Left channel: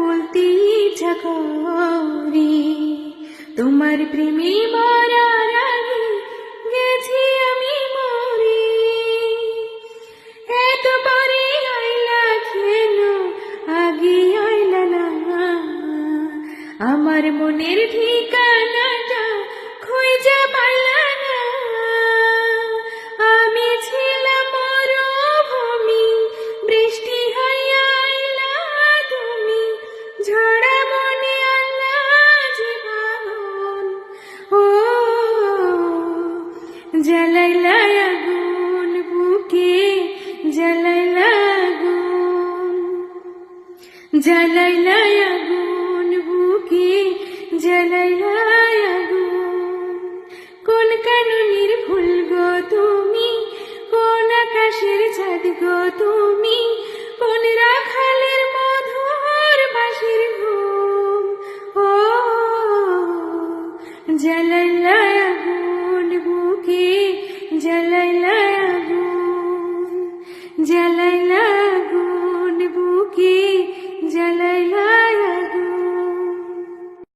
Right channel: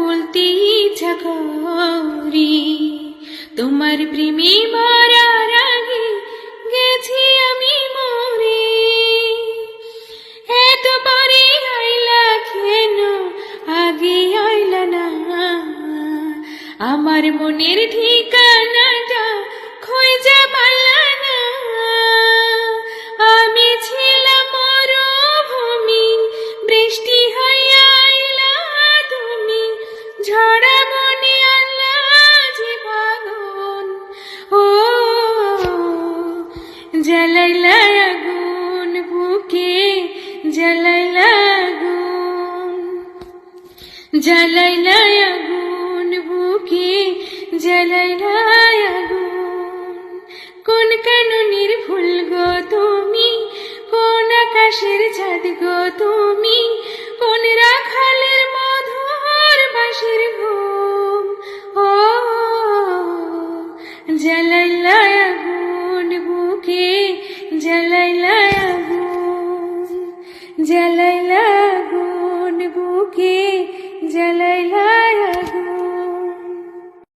বলতে ইচ্ছা করে, তোমার প্রেমে মরার আগে গেছি আমি মরে। এত পরে আইলা কেন, আগে আইলা না? আমার মনের ঠিকানাটা খুঁজে পাইলা না। আমি ছিলাম মরুভূমি, বৃষ্টি হইয়া আইলা তুমি, ঝড়া মনে আল্লাহ জীবন। ও জ্বালাইলা আগুন বুকে, জ্বালাইলা আগুন, জ্বালাইলা আগুন বুকে, জ্বালাইলা আগুন। কোন কাননের ফুল গো তুমি, কোন আকাশের চাঁদ গো তুমি, কোন রাখালের মধুর বাঁশির ঘুম। ও জ্বালাইলা আগুন বুকে, জ্বালাইলা আগুন, জ্বালাইলা আগুন বুকে, জ্বালাইলা